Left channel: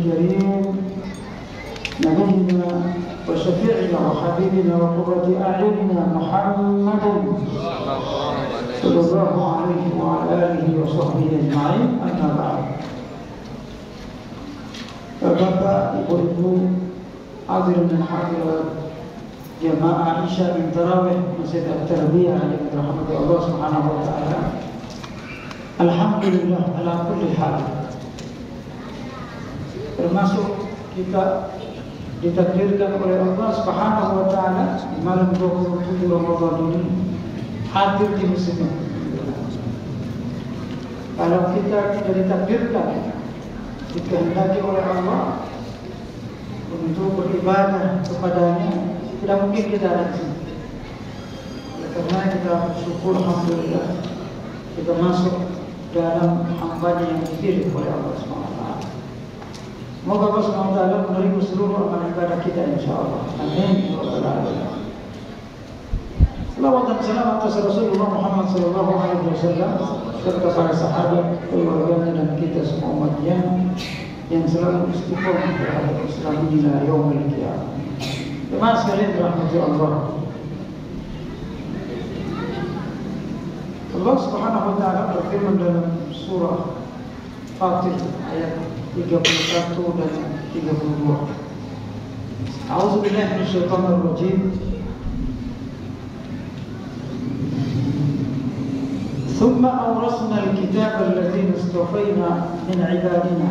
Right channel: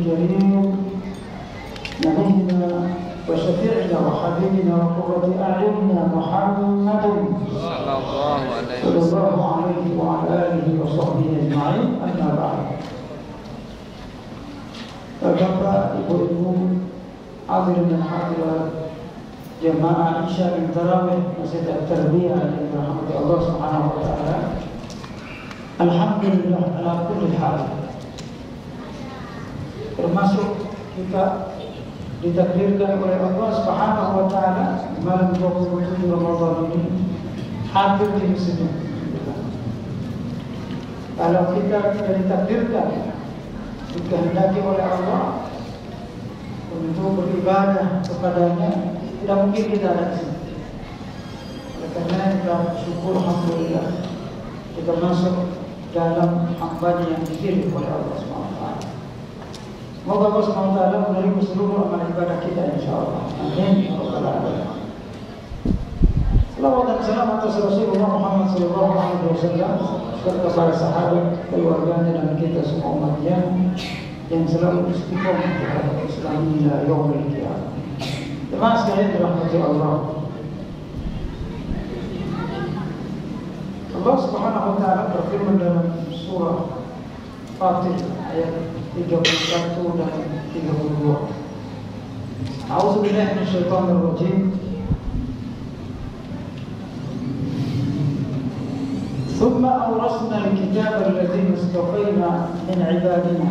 الكريم نبينا وشفيعنا وحبيبنا وقرة أعيننا محمدا صلى الله عليه وعلى آله وصحبه أجمعين. أما بعد. Bapak, Ibu-ibu, hadirin dan hadirat jamaah Isya dan Tarawih Masjid At-Tarbiyah yang dirahmati Allah Subhanahu wa taala. Alhamdulillah ala kulli hal. Termasuk kita ditakdirkan oleh Allah Subhanahu wa taala malam 27 Ramadan ini hadir di sini. Kalau kita tidak ditakdirkan, dikehendaki oleh Allah untuk beribadah kepadanya, tidak mungkin kita ada di sini. Oleh karena kita bersyukur, alhamdulillah, kita masuk dalam hamba-Nya yang dipilih oleh Allah SWT. Semoga Allah SWT menerima seluruh amal ibadah kita, insyaallah. Amin. Salawat dan salam atas Rasulullah Muhammad SAW serta para sahabat, keluarganya dan kita semua umatnya yang selalu istiqomah terhadap Islam hingga yaumil qiyamah. Jemaah sekalian dirahmati Allah. Allah Subhanahu wa taala berfirman dalam surah Fatir ayat 31 dan 32. A'udzubillahi minasyaitonir rajim. ثم أورثنا الكتاب الذين اصطفينا من عبادنا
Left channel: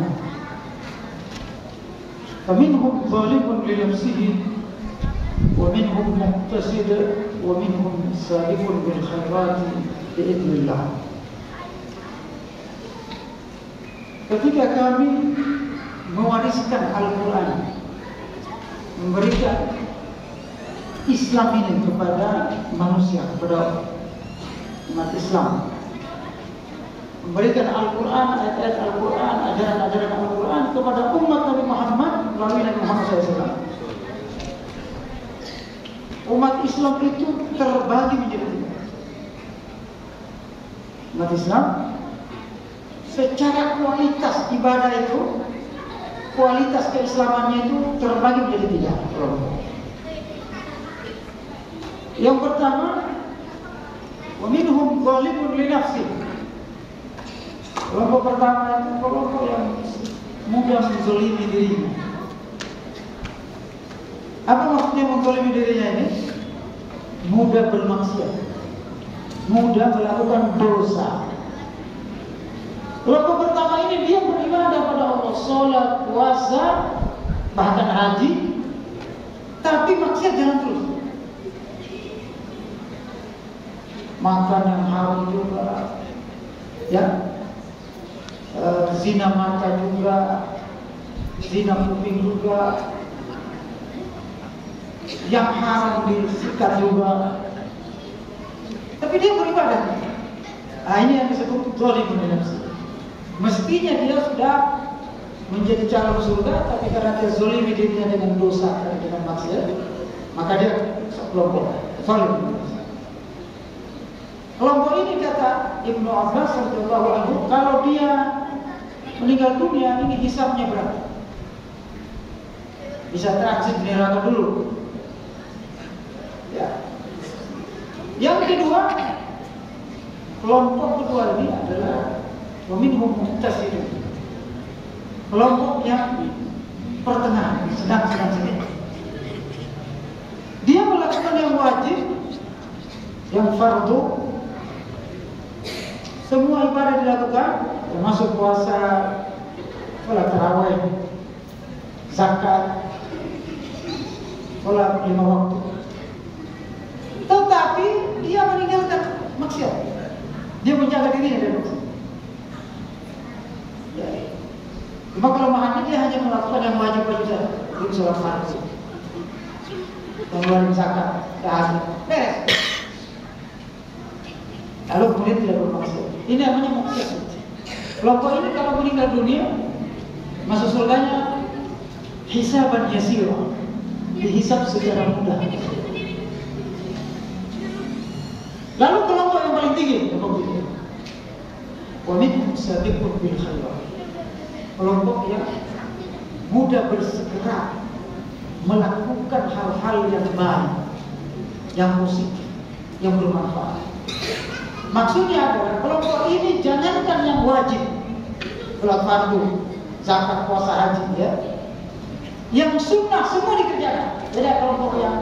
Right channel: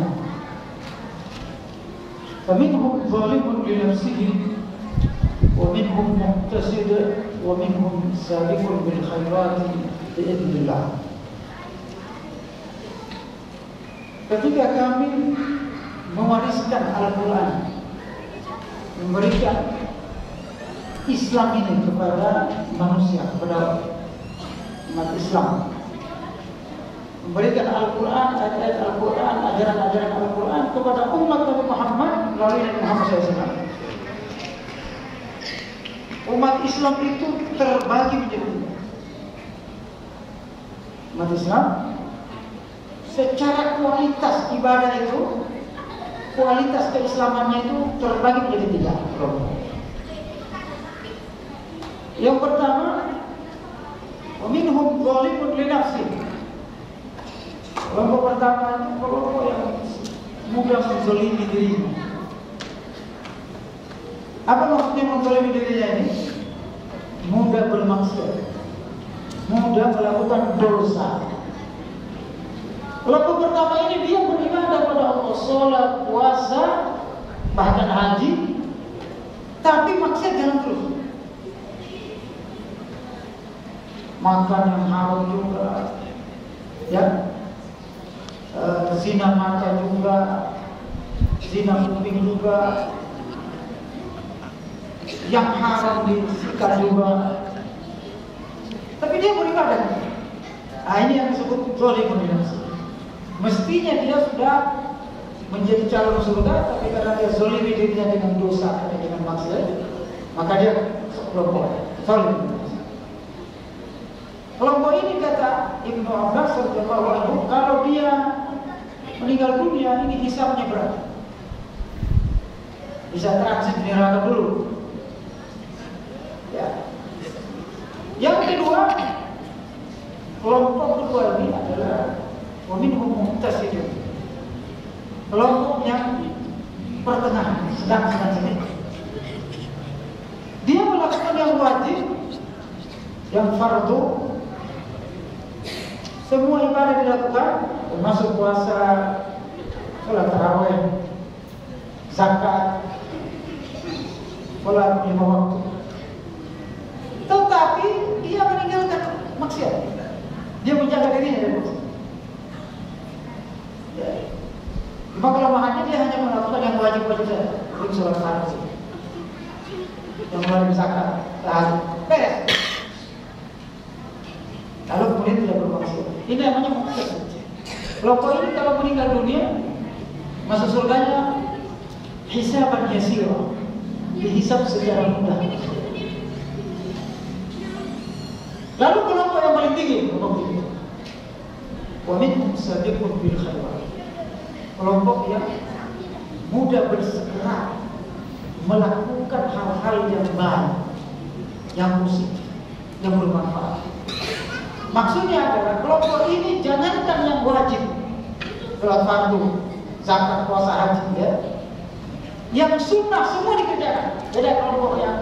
فمنهم ظالم لنفسه ومنهم مقتصد ومنهم سابق بالخيرات بإذن الله. Ketika kami mewariskan Al-Quran, memberikan Islam ini kepada manusia, kepada umat Islam, memberikan Al-Quran, ayat-ayat Al-Quran, ajaran-ajaran Al-Quran kepada umat Nabi Muhammad melalui Nabi Muhammad SAW. Umat Islam itu terbagi menjadi dua. Umat Islam secara kualitas ibadah itu, kualitas keislamannya itu terbagi menjadi tiga kelompok. Yang pertama, wa minhum zalimun li nafsihi. Kelompok pertama itu kelompok yang mudah menzalimi dirinya. Apa maksudnya menzalimi dirinya ini? Mudah bermaksiat, mudah melakukan dosa. Kelompok pertama ini dia beribadah pada Allah, sholat, puasa, bahkan haji, tapi maksiat jalan terus. Makan yang haram juga, ya. Zina mata juga, zina kuping juga, yang haram disikat juga, tapi dia beribadah. Ini yang disebut zalimun li nafsihi. Mestinya dia sudah menjadi calon surga, tapi karena dia zalimi dirinya dengan dosa, dengan maksiat, maka dia kelompok zalim. Kelompok ini kata Ibnu Abbas radhiyallahu anhu, kalau dia meninggal dunia ini hisabnya berat, bisa transit di neraka dulu. Ya. Yang kedua, kelompok kedua ini adalah wa minhum muqtasidun. Kelompok yang pertengahan, sedang-sedang. Dia melakukan yang wajib, yang fardu, semua ibadah dilakukan, termasuk puasa, sholat tarawih, zakat, sholat 5 waktu. Tetapi dia meninggalkan maksiat, dia menjaga dirinya dari maksiat. Cuma kelemahannya dia hanya melakukan yang wajib-wajib saja, seperti sholat fardu, yang wajib zakat, tahajud, beres. Lalu kemudian tidak bermaksiat. Ini namanya muqtasid. Kelompok ini kalau meninggal dunia, masuk surganya hisaban yasira, dihisab secara mudah. Lalu kelompok yang paling tinggi, wa minhum sabiqun bil khairat. Kelompok yang mudah bersegera melakukan hal-hal yang baik, yang positif, yang bermanfaat. Maksudnya adalah kelompok ini jangankan yang wajib, sholat fardu, zakat, puasa, haji, ya, yang sunnah semua dikerjakan. Beda kelompok yang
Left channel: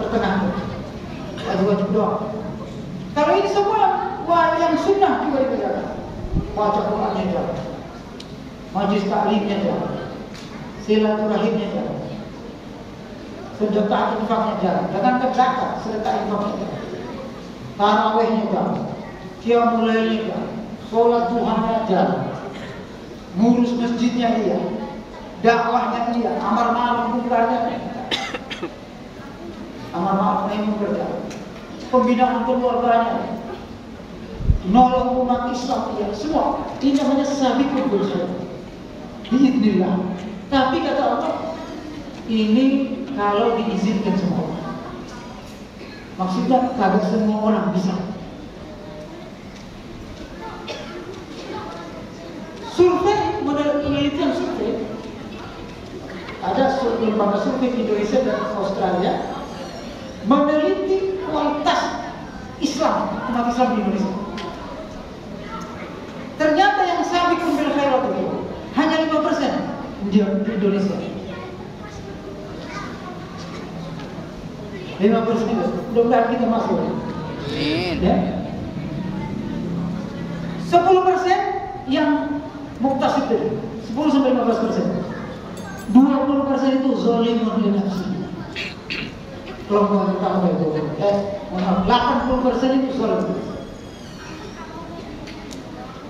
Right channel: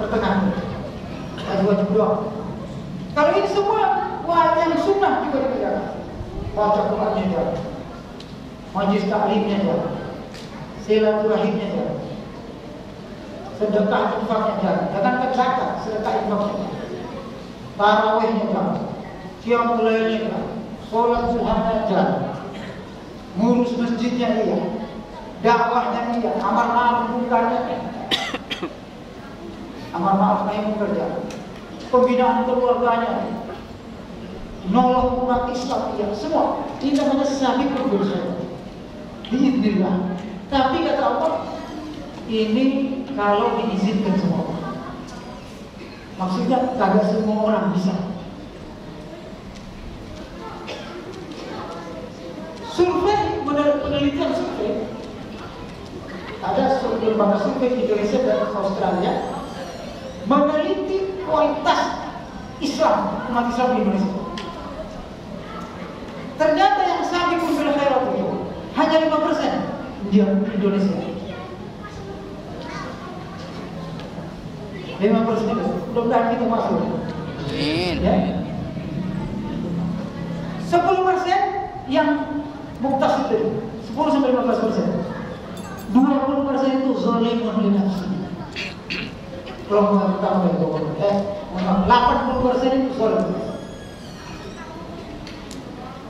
pertengahan, wajib doang. Kalau ini semua yang sunnah juga dikerjakan. Baca Qurannya jalan, majlis taklimnya jalan, silaturahimnya jalan, sedekah infaknya jalan. Jangankan zakat, sedekah infaknya jalan, tarawihnya jalan, qiyamul lailnya jalan, sholat duhanya jalan, ngurus masjidnya iya, dakwahnya iya, amar ma'ruf munkarnya iya, amar ma'ruf nahi munkar jalan, pembinaan keluarganya, nolong umat Islam iya, semua. Ini namanya sabiqul bil khairat biidznillah. Tapi kata Allah, ini kalau diizinkan semua. Maksudnya kagak semua orang bisa. Survei, penelitian survei, ada lembaga survei Indonesia dan Australia meneliti kualitas Islam, umat Islam di Indonesia. Ternyata yang sabiqul bil khairat itu hanya 5% di Indonesia. 5% itu, mudah-mudahan kita masuk. Ya. 10% yang muktasid, 10-15%. 20% itu zalimun li nafsi. Kelompok utama itu, 80% itu zalim.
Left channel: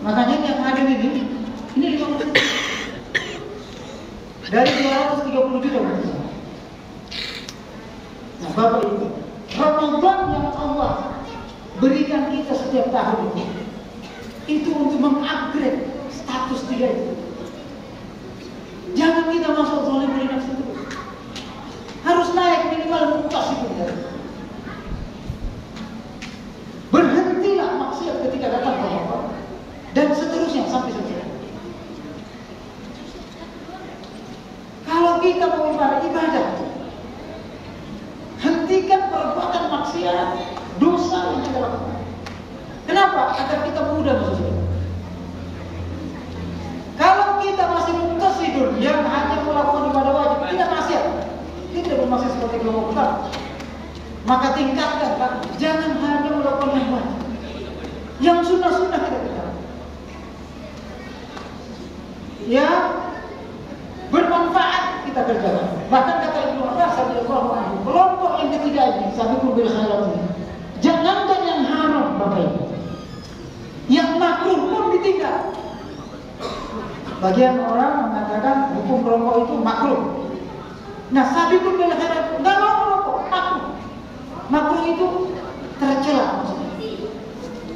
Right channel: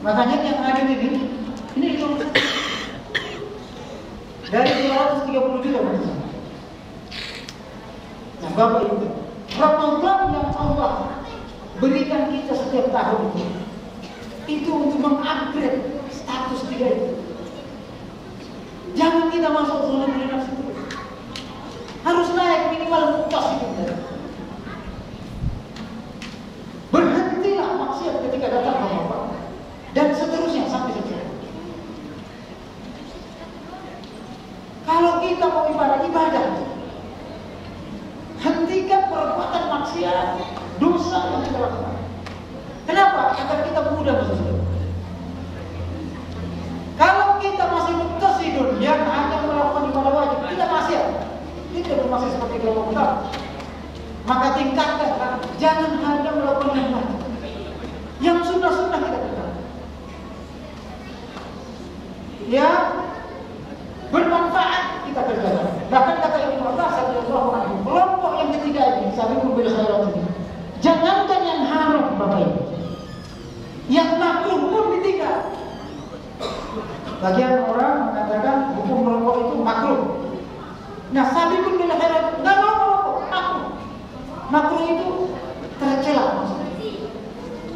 Makanya yang ada ini 5%. Dari 230 juta. Nah, Bapak Ibu, Ramadan yang Allah berikan kita setiap tahun itu untuk mengupgrade status dia itu. Jangan kita masuk zalim li nafsi terus. Harus naik minimal muktasid. Berhentilah maksiat ketika datang Ramadan. Dan seterusnya sampai selesai. Kalau kita mau ibadah, hentikan perbuatan maksiat, dosa yang kita lakukan. Kenapa? Agar kita mudah masuk surga. Kalau kita masih muktasidun yang hanya melakukan ibadah wajib, tidak maksiat, tidak bermaksiat seperti kelompok utama, maka tingkatkan. Jangan hanya melakukan yang wajib, yang sunnah-sunnah kita kerjakan. Ya, bermanfaat kita kerjakan. Bahkan kata Ibnu Abbas radhiyallahu anhu, kelompok yang ketiga ini, sabiqul bil khairat ini, jangankan yang haram, Bapak Ibu, yang makruh pun ditinggal. Bagian orang mengatakan hukum merokok itu makruh. Nah, sabiqul bil khairat nggak mau merokok, makruh. Makruh itu tercela maksudnya.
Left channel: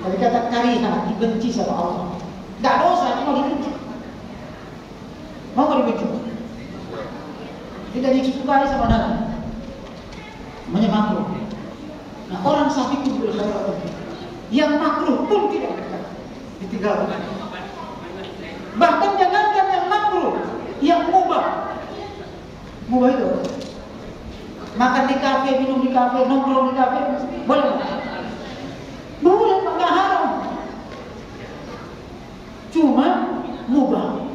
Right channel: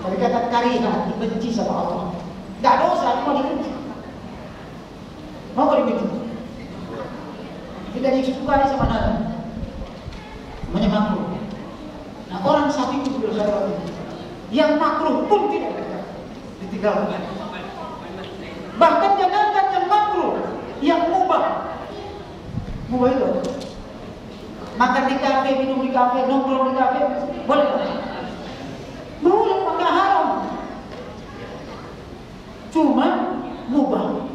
Dari kata karihah, dibenci sama Allah. Nggak dosa, cuma dibenci. Mau dibenci, tidak disukai sama Nabi, namanya makruh. Nah, orang sabiqul bil khairat yang makruh pun tidak ditinggalkan. Bahkan jangankan yang makruh, yang mubah. Mubah itu makan di kafe, minum di kafe, nongkrong di kafe, boleh nggak? Boleh, nggak haram. Cuma mubah.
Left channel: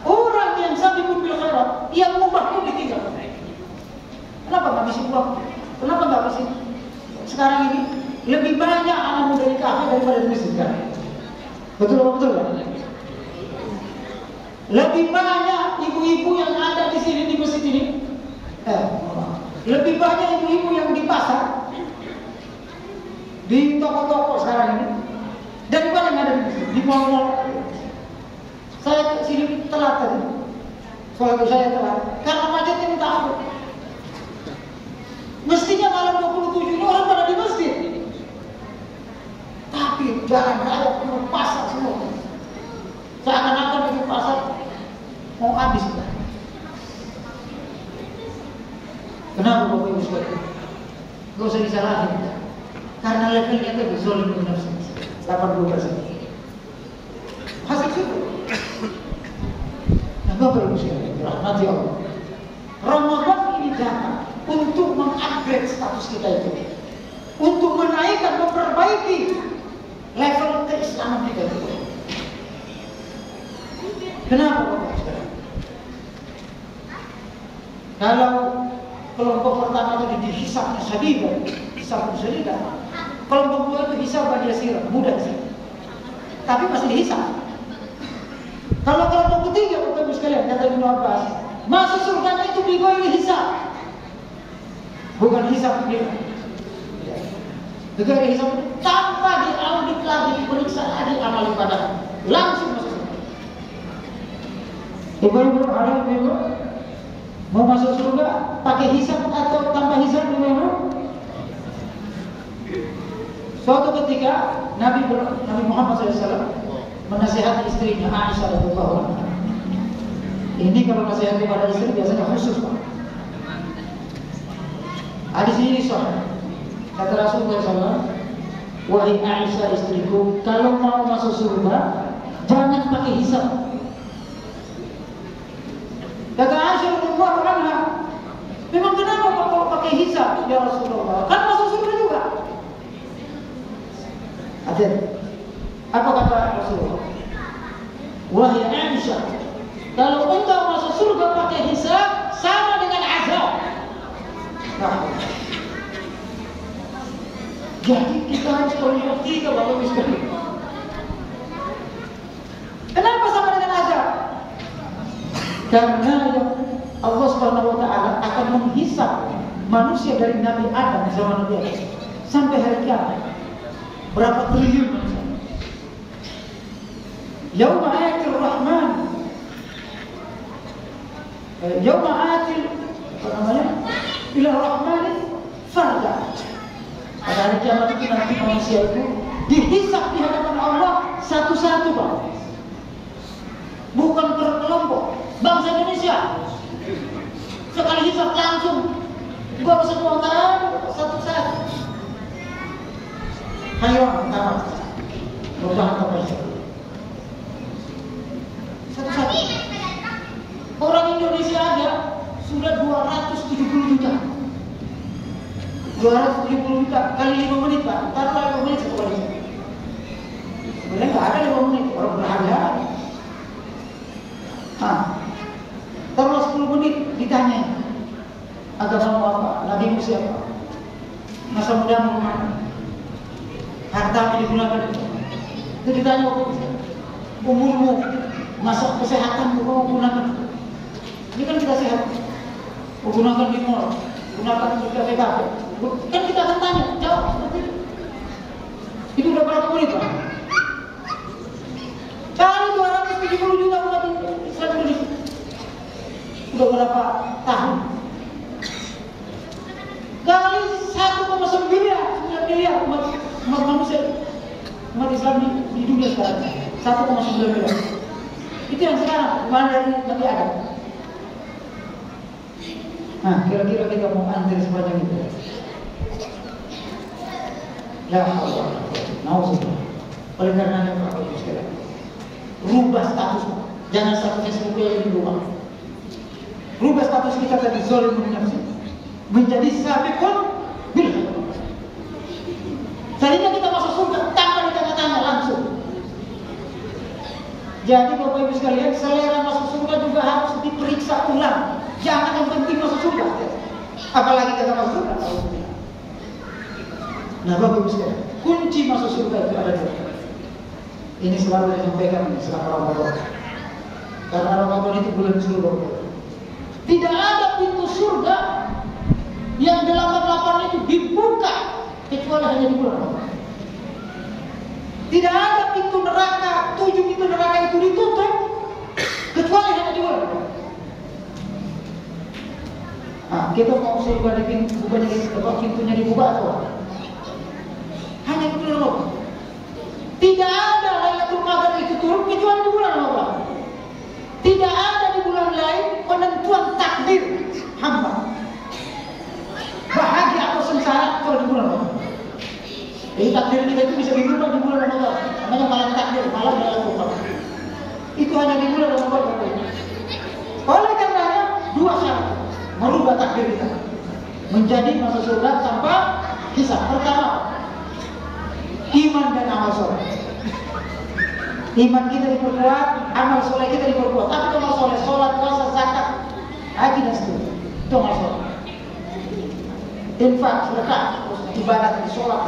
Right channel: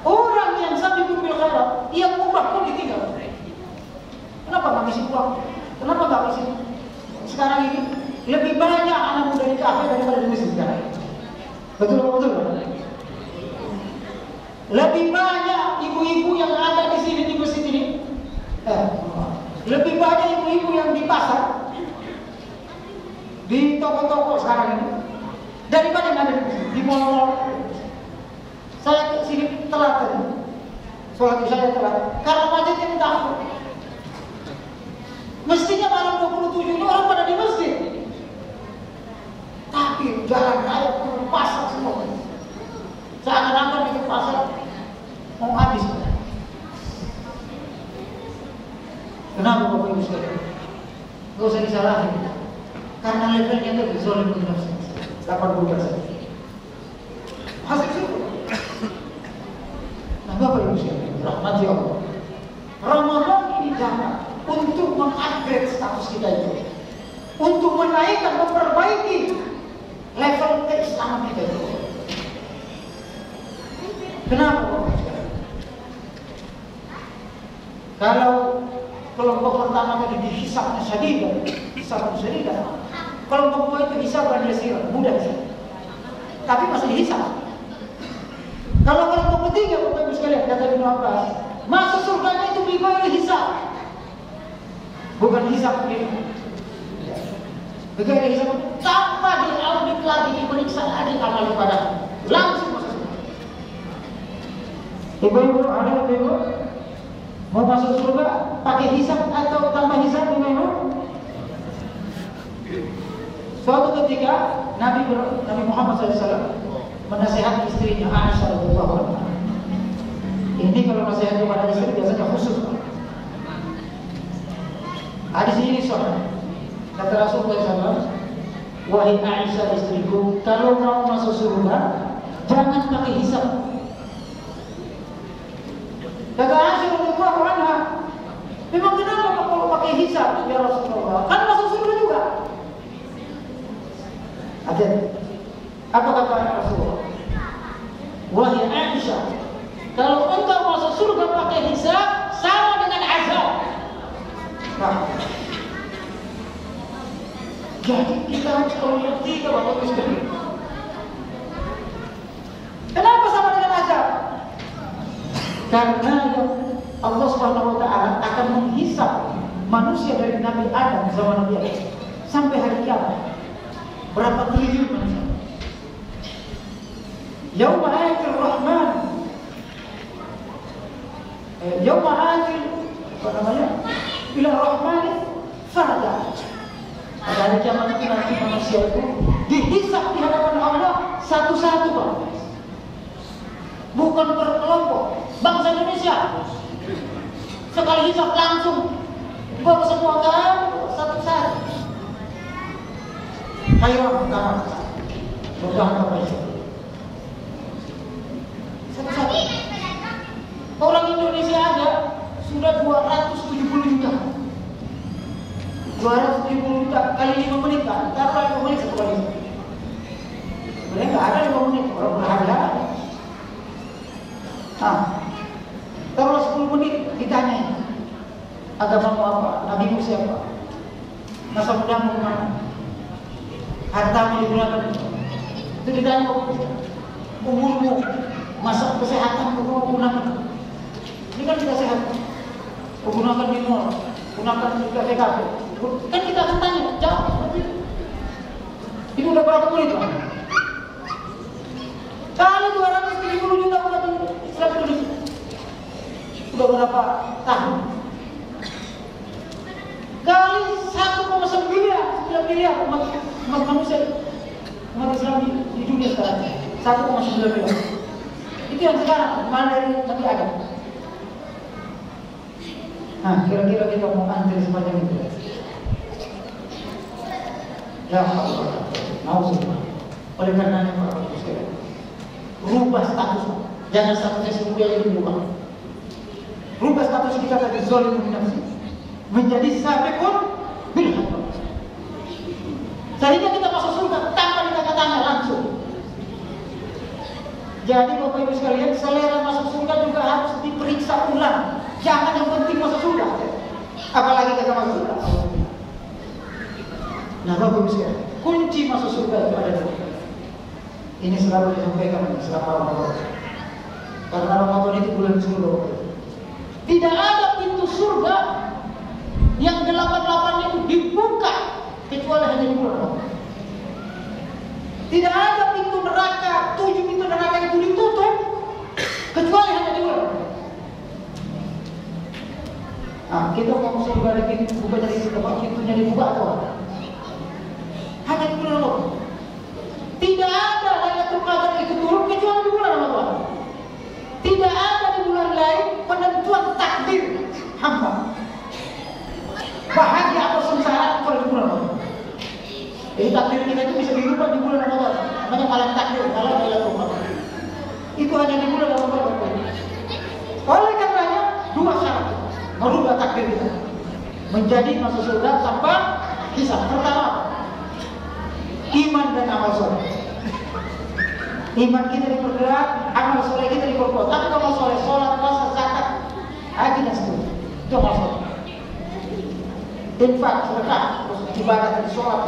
Orang yang sabiqul bil khairat, yang mubah pun ditinggal. Kenapa nggak bisa pulang? Kenapa nggak bisa? Sekarang ini lebih banyak anak muda di kafe daripada di masjid kan? Betul kan? Lebih banyak ibu-ibu yang ada di sini di masjid ini. Lebih banyak ibu-ibu yang di pasar, di toko-toko sekarang ini daripada yang ada di masjid, di mall-mall. Saya sini telat tadi, sholat saya telat karena macetnya minta ampun. Mestinya malam 27 ini orang pada di masjid, tapi jalan raya penuh pasar semua. Seakan-akan itu pasar mau habis. Kenapa Bapak Ibu sekalian? Gak usah disalahin, karena levelnya itu zalim li nafsi 80%. Hasil survei. Nah, Bapak Ibu sekalian, rahmati Allah. Ramadan ini datang untuk mengupgrade status kita itu, untuk menaikkan, memperbaiki level keislaman kita itu. Kenapa Bapak sekalian? Kalau kelompok pertama tadi dihisabnya sadidah, kelompok kedua itu hisabkan yasir, mudah saja, tapi masih dihisab. Kalau kelompok ketiga Bapak sekalian, kata Ibnu Abbas, masuk surganya itu bighairi hisab, bukan hisab dia. Bighairi hisab itu tanpa diaudit lagi, diperiksa ada amal ibadah, langsung masuk surga. Ibu-ibu, ada ibu mau masuk surga pakai hisab atau tanpa hisab, ibu? Suatu ketika Nabi Muhammad SAW menasihati istrinya Aisyah radhiyallahu anha. Ini kalau nasihat kepada istri biasanya khusus, Pak. Hadis ini sahih. Kata Rasulullah SAW, wahai Aisyah istriku, kalau mau masuk surga jangan pakai hisab. Kata Aisyah radhiyallahu anha, memang kenapa kalau pakai hisab ya Rasulullah? Kan masuk surga juga. Apa kata Rasulullah? Wahai Aisyah, kalau engkau masuk surga pakai hisab sama dengan azab. Nah, jadi kita harus mengerti Bapak Ibu sekalian. Kenapa sama dengan azab? Karena Allah Subhanahu wa taala akan menghisab manusia dari Nabi Adam sama Nabi Adam sampai hari kiamat. Berapa triliun manusia? Yauma ayatul Rahman, yauma atil ila Rahman farda. Pada hari kiamat itu nanti manusia itu dihisab di hadapan Allah satu-satu, Pak. Bukan per kelompok. Bangsa Indonesia sekali hisab langsung baru semua kan satu-satu. Ayo pertama, mudah-mudahan satu-satu. Orang Indonesia aja sudah 270 juta. 270 juta kali 5 menit, Pak. Taruhlah 5 menit satu kali. Sebenarnya nggak ada 5 menit, orang berhari-hari. Taruhlah 10 menit ditanya, agamamu apa, nabimu siapa, masa mudamu kemana, hartamu digunakan. Itu ditanya, umurmu, masa kesehatanmu kamu gunakan. Ini kan kita sehat, gunakan di mall, gunakan di kafe-kafe. Kan kita akan tanya, jawab seperti itu. Itu udah berapa menit, Pak? Kali 270 juta umat Islam Indonesia, udah berapa tahun? Kali 1,9 miliar umat manusia, umat Islam di dunia sekarang, 1,9 miliar. Itu yang sekarang, dimana dari Nabi Adam. Nah, kira-kira kita mau antri sepanjang itu. Ya Allah, mau semua. Oleh karenanya Bapak Ibu sekalian, rubah status, jangan sampai seperti yang dirubah. Rubah status kita dari zalimun nafsi menjadi sabiqun bil haqq. Seandainya kita masuk surga tanpa ditanya-tanya langsung. Jadi Bapak Ibu sekalian, selera masuk surga juga harus diperiksa ulang. Jangan yang penting masuk surga, apalagi kita masuk surga. Nah Bapak Ibu sekalian, kunci masuk surga itu ada di sini. Ini selalu disampaikan selama Ramadan. Karena Ramadan itu bulan surga. Tidak ada pintu surga yang 8-8 itu dibuka kecuali hanya di bulan Ramadan. Tidak ada pintu neraka, 7 pintu neraka itu ditutup kecuali hanya di bulan Ramadan. Nah, kita mau surga di pintu, bukannya di pintunya dibuka atau hanya di bulan Ramadan. Tidak ada Lailatul Qadar itu turun kecuali di bulan Ramadan. Tidak ada di bulan lain penentuan takdir hamba, bahagia atau sengsara kalau di bulan Ramadan. Jadi takdir kita itu bisa dirubah di bulan Ramadan. Namanya malam takdir, malam Lailatul Qadar. Itu hanya di bulan Ramadan. Oleh takdir kita menjadi masuk surga tanpa hisab. Pertama, iman dan amal soleh. Iman kita diperkuat, amal soleh kita diperkuat. Tapi amal soleh, sholat, puasa, zakat, haji dan seterusnya, itu amal soleh. Infak, sedekah, ibadah dan sholat.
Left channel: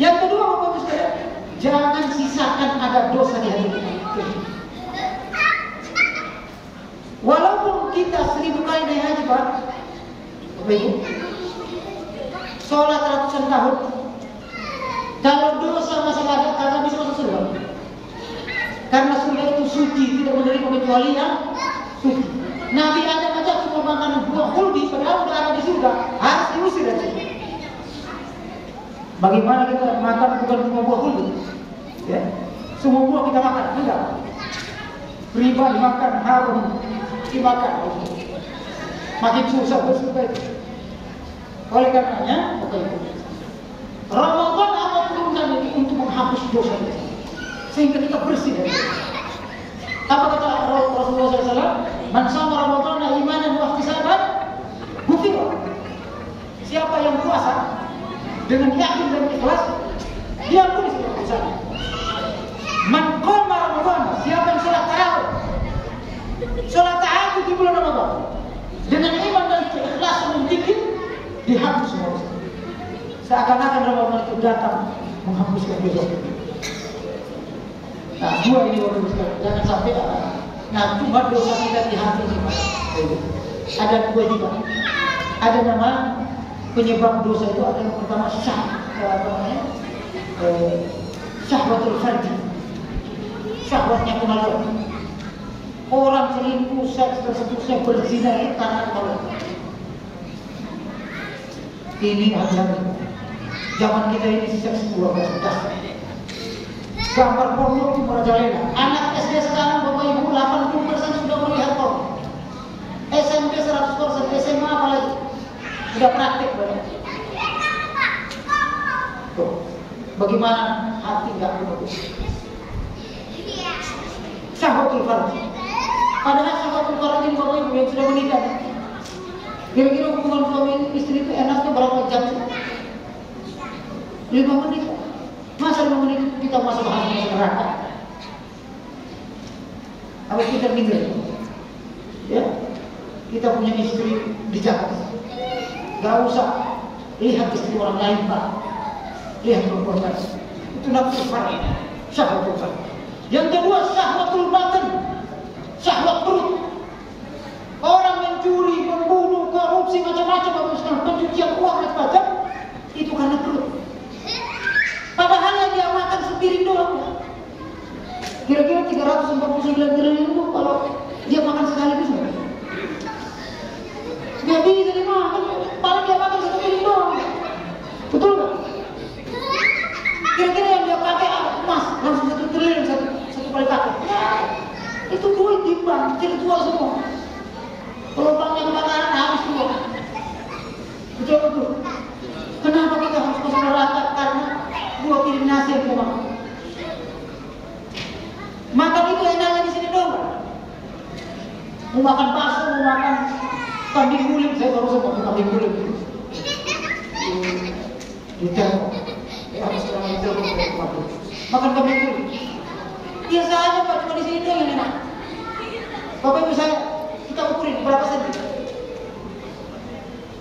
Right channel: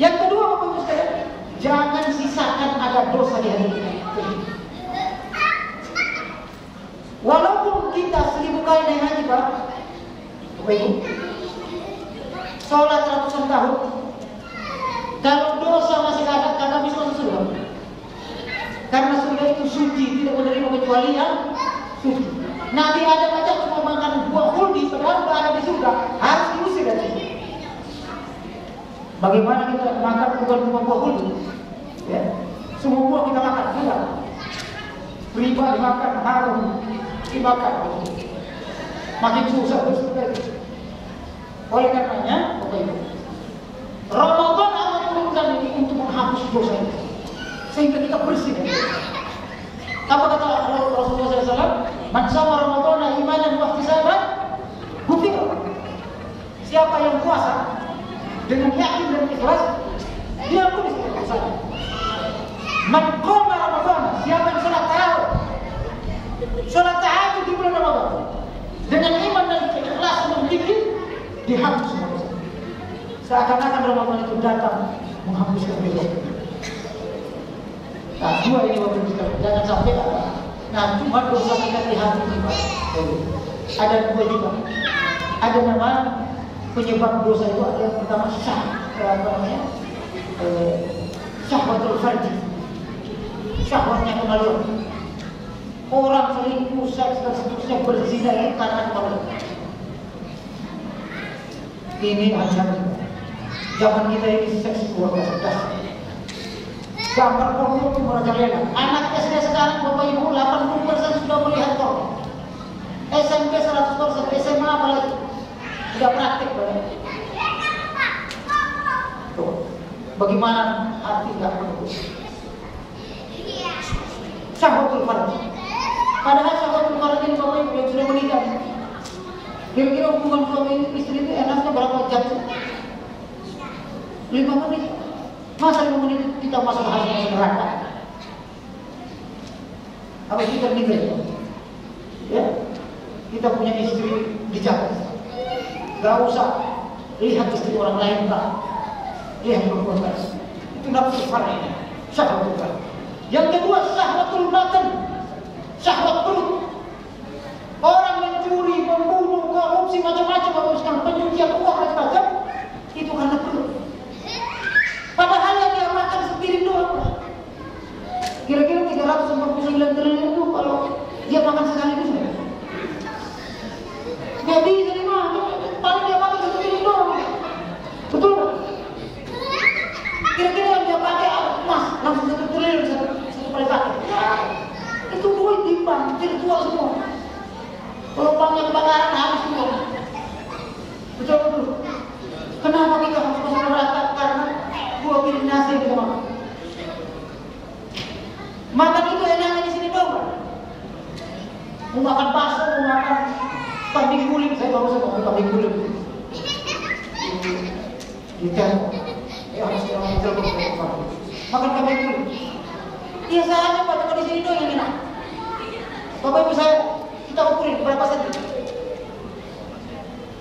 Yang kedua, Bapak Ibu sekalian, jangan sisakan ada dosa di hati kita. Walaupun kita 1000 kali naik haji, Pak, Bapak Ibu, sholat ratusan tahun, kalau dosa masih ada, karena bisa masuk surga. Karena surga itu suci, tidak menerima kecuali yang suci. Nabi Adam aja cuma makan buah huldi, padahal sudah ada di surga, harus diusir dari sini. Bagaimana kita makan bukan cuma buah huldi? Ya, semua buah kita makan, enggak? Riba dimakan, haram dimakan, makin susah bersurga itu. Oleh karenanya, Bapak Ibu, Ramadan Allah turunkan ini untuk menghapus dosa itu, sehingga kita bersih. Apa kata Rasulullah SAW? Man shoma Ramadhana imanan wa ihtisaban ghufira. Siapa yang puasa dengan yakin dan ikhlas, dia tulis dosanya. Man qama Ramadhana, siapa yang salat tarawih, salat tahajud di bulan Ramadan dengan iman dan keikhlasan dan zikir, dihapus semua dosa. Seakan-akan Ramadan itu datang menghapuskan dosa. Nah, dua ini Bapak Ibu sekalian, jangan sampai nah cuma dosa kita di hati ini, Pak. Ada dua juga. Ada nama penyebab dosa itu, ada yang pertama syahwatul farji, syahwatnya kemaluan. Orang selingkuh, seks dan seterusnya, berzina itu karena kemaluan. Ini hati-hati. Zaman kita ini seks keluarga sudah. Gambar porno itu merajalela. Anak SD sekarang Bapak Ibu 80% sudah melihat porno. SMP 100%, SMA apalagi sudah praktik banget. Tuh, bagaimana hati nggak menembus? Syahwatul farj. Padahal syahwatul farj ini Bapak Ibu yang sudah menikah, kira-kira hubungan suami istri itu enaknya berapa jam? 5 menit. Masa 5 menit kita masuk hati neraka? Apa kita mikir? Ya, kita punya istri di Jakarta. Gak usah lihat istri orang lain, Pak. Lihat perempuan lain. Itu nafsu farj, syahwatul farj. Yang kedua, syahwatul batin, syahwat perut. Orang mencuri, membunuh, korupsi, macam-macam, pencucian uang macam-macam, itu karena perut. Padahal yang dia makan sepiring doang. Kira-kira 349 triliun itu kalau dia makan sekaligus nggak? Nggak bisa dimakan, paling dia makan sepiring doang. Betul nggak? Kira-kira yang dia pakai emas langsung 1 triliun satu kali pakai. Itu duit di bank, jadi jual semua. Kalau banknya kebakaran habis semua. Betul. Kenapa kita harus masuk neraka? Karena 2 piring nasi yang kita makan. Makan itu enaknya di sini dong. Mau makan bakso, mau makan kambing guling, saya baru makan kambing guling. Di telpon. Harus orang di telpon. Makan kambing guling. Biasa aja Pak, cuma di sini dong yang enak. Bapak Ibu saya, kita ukurin berapa senti.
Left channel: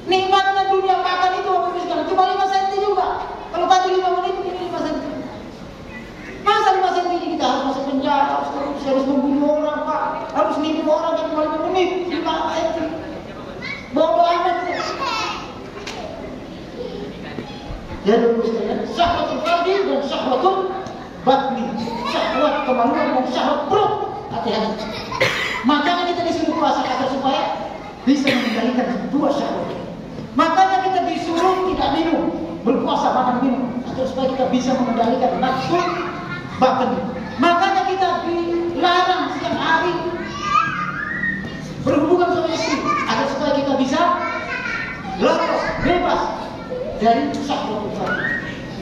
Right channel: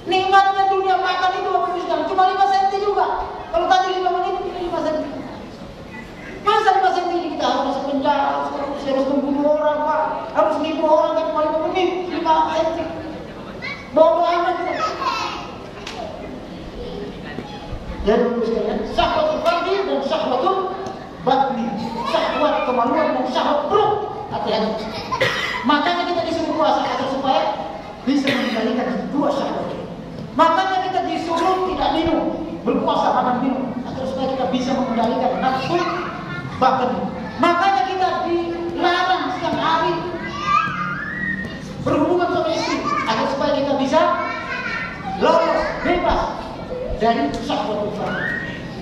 Nikmatnya dunia makan itu Bapak Ibu sekalian, cuma 5 senti juga. Kalau tadi 5 menit, ini 5 senti. Masa 5 senti ini kita harus masuk penjara, harus membunuh orang, Pak, harus nipu orang yang cuma 5 menit, 5 senti. Bodoh amat kita. Jadi Bapak Ibu sekalian, syahwatul farji dan syahwatul batni, syahwat kemaluan dan syahwat perut. Hati-hati. Makanya kita disuruh puasa agar supaya bisa mengendalikan 2 syahwat. Makanya kita disuruh tidak minum, berpuasa makan minum, agar supaya kita bisa mengendalikan nafsu batin. Makanya kita dilarang siang hari berhubungan sama istri, agar supaya kita bisa lepas, bebas dari syahwat farji,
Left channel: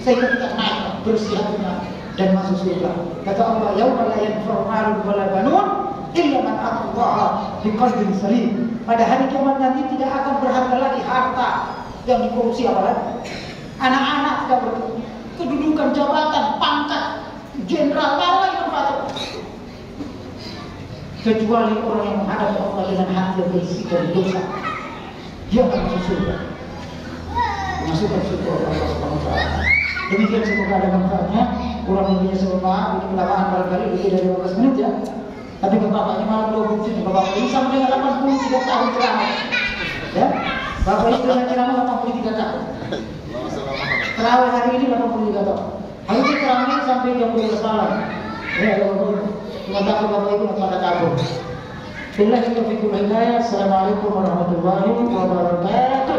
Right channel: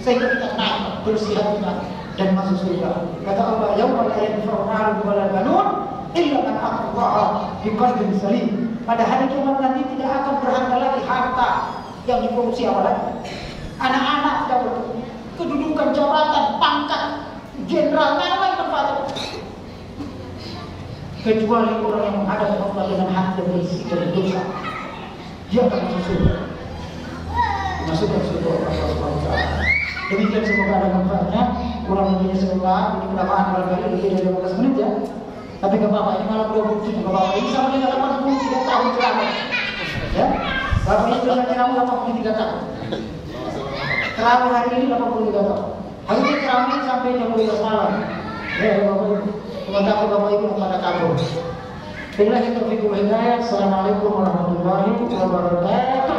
sehingga kita naik bersih hatinya dan masuk surga. Kata Allah, yauma la yanfa'u malun wala banun illa man ata Allah di qalbin salim. Pada hari kiamat nanti tidak akan berharga lagi harta yang dikorupsi, apalagi anak-anak tidak kedudukan, jabatan, pangkat, jenderal, nyawa manfaat. Kecuali orang yang menghadap Allah dengan hati yang bersih dari dosa, dia akan masuk surga. Masukkan surga Allah Subhanahu wa taala. Demikian, semoga ada manfaatnya. Kurang lebihnya semoga ini penambahan barangkali lebih dari 15 menit ya. Tapi gak apa-apa, ini malam 27, gak apa-apa. Ini sama dengan 83 tahun ceramah. Ya, Bapak itu dengan ceramah 83 tahun. Terawih hari ini 83 tahun. Hari ini terawih sampai jam 12 malam. Ya, Bapak Ibu. Kalau takut Bapak Ibu pada kabur. Billahi taufiq wal hidayah. Assalamualaikum warahmatullahi wabarakatuh.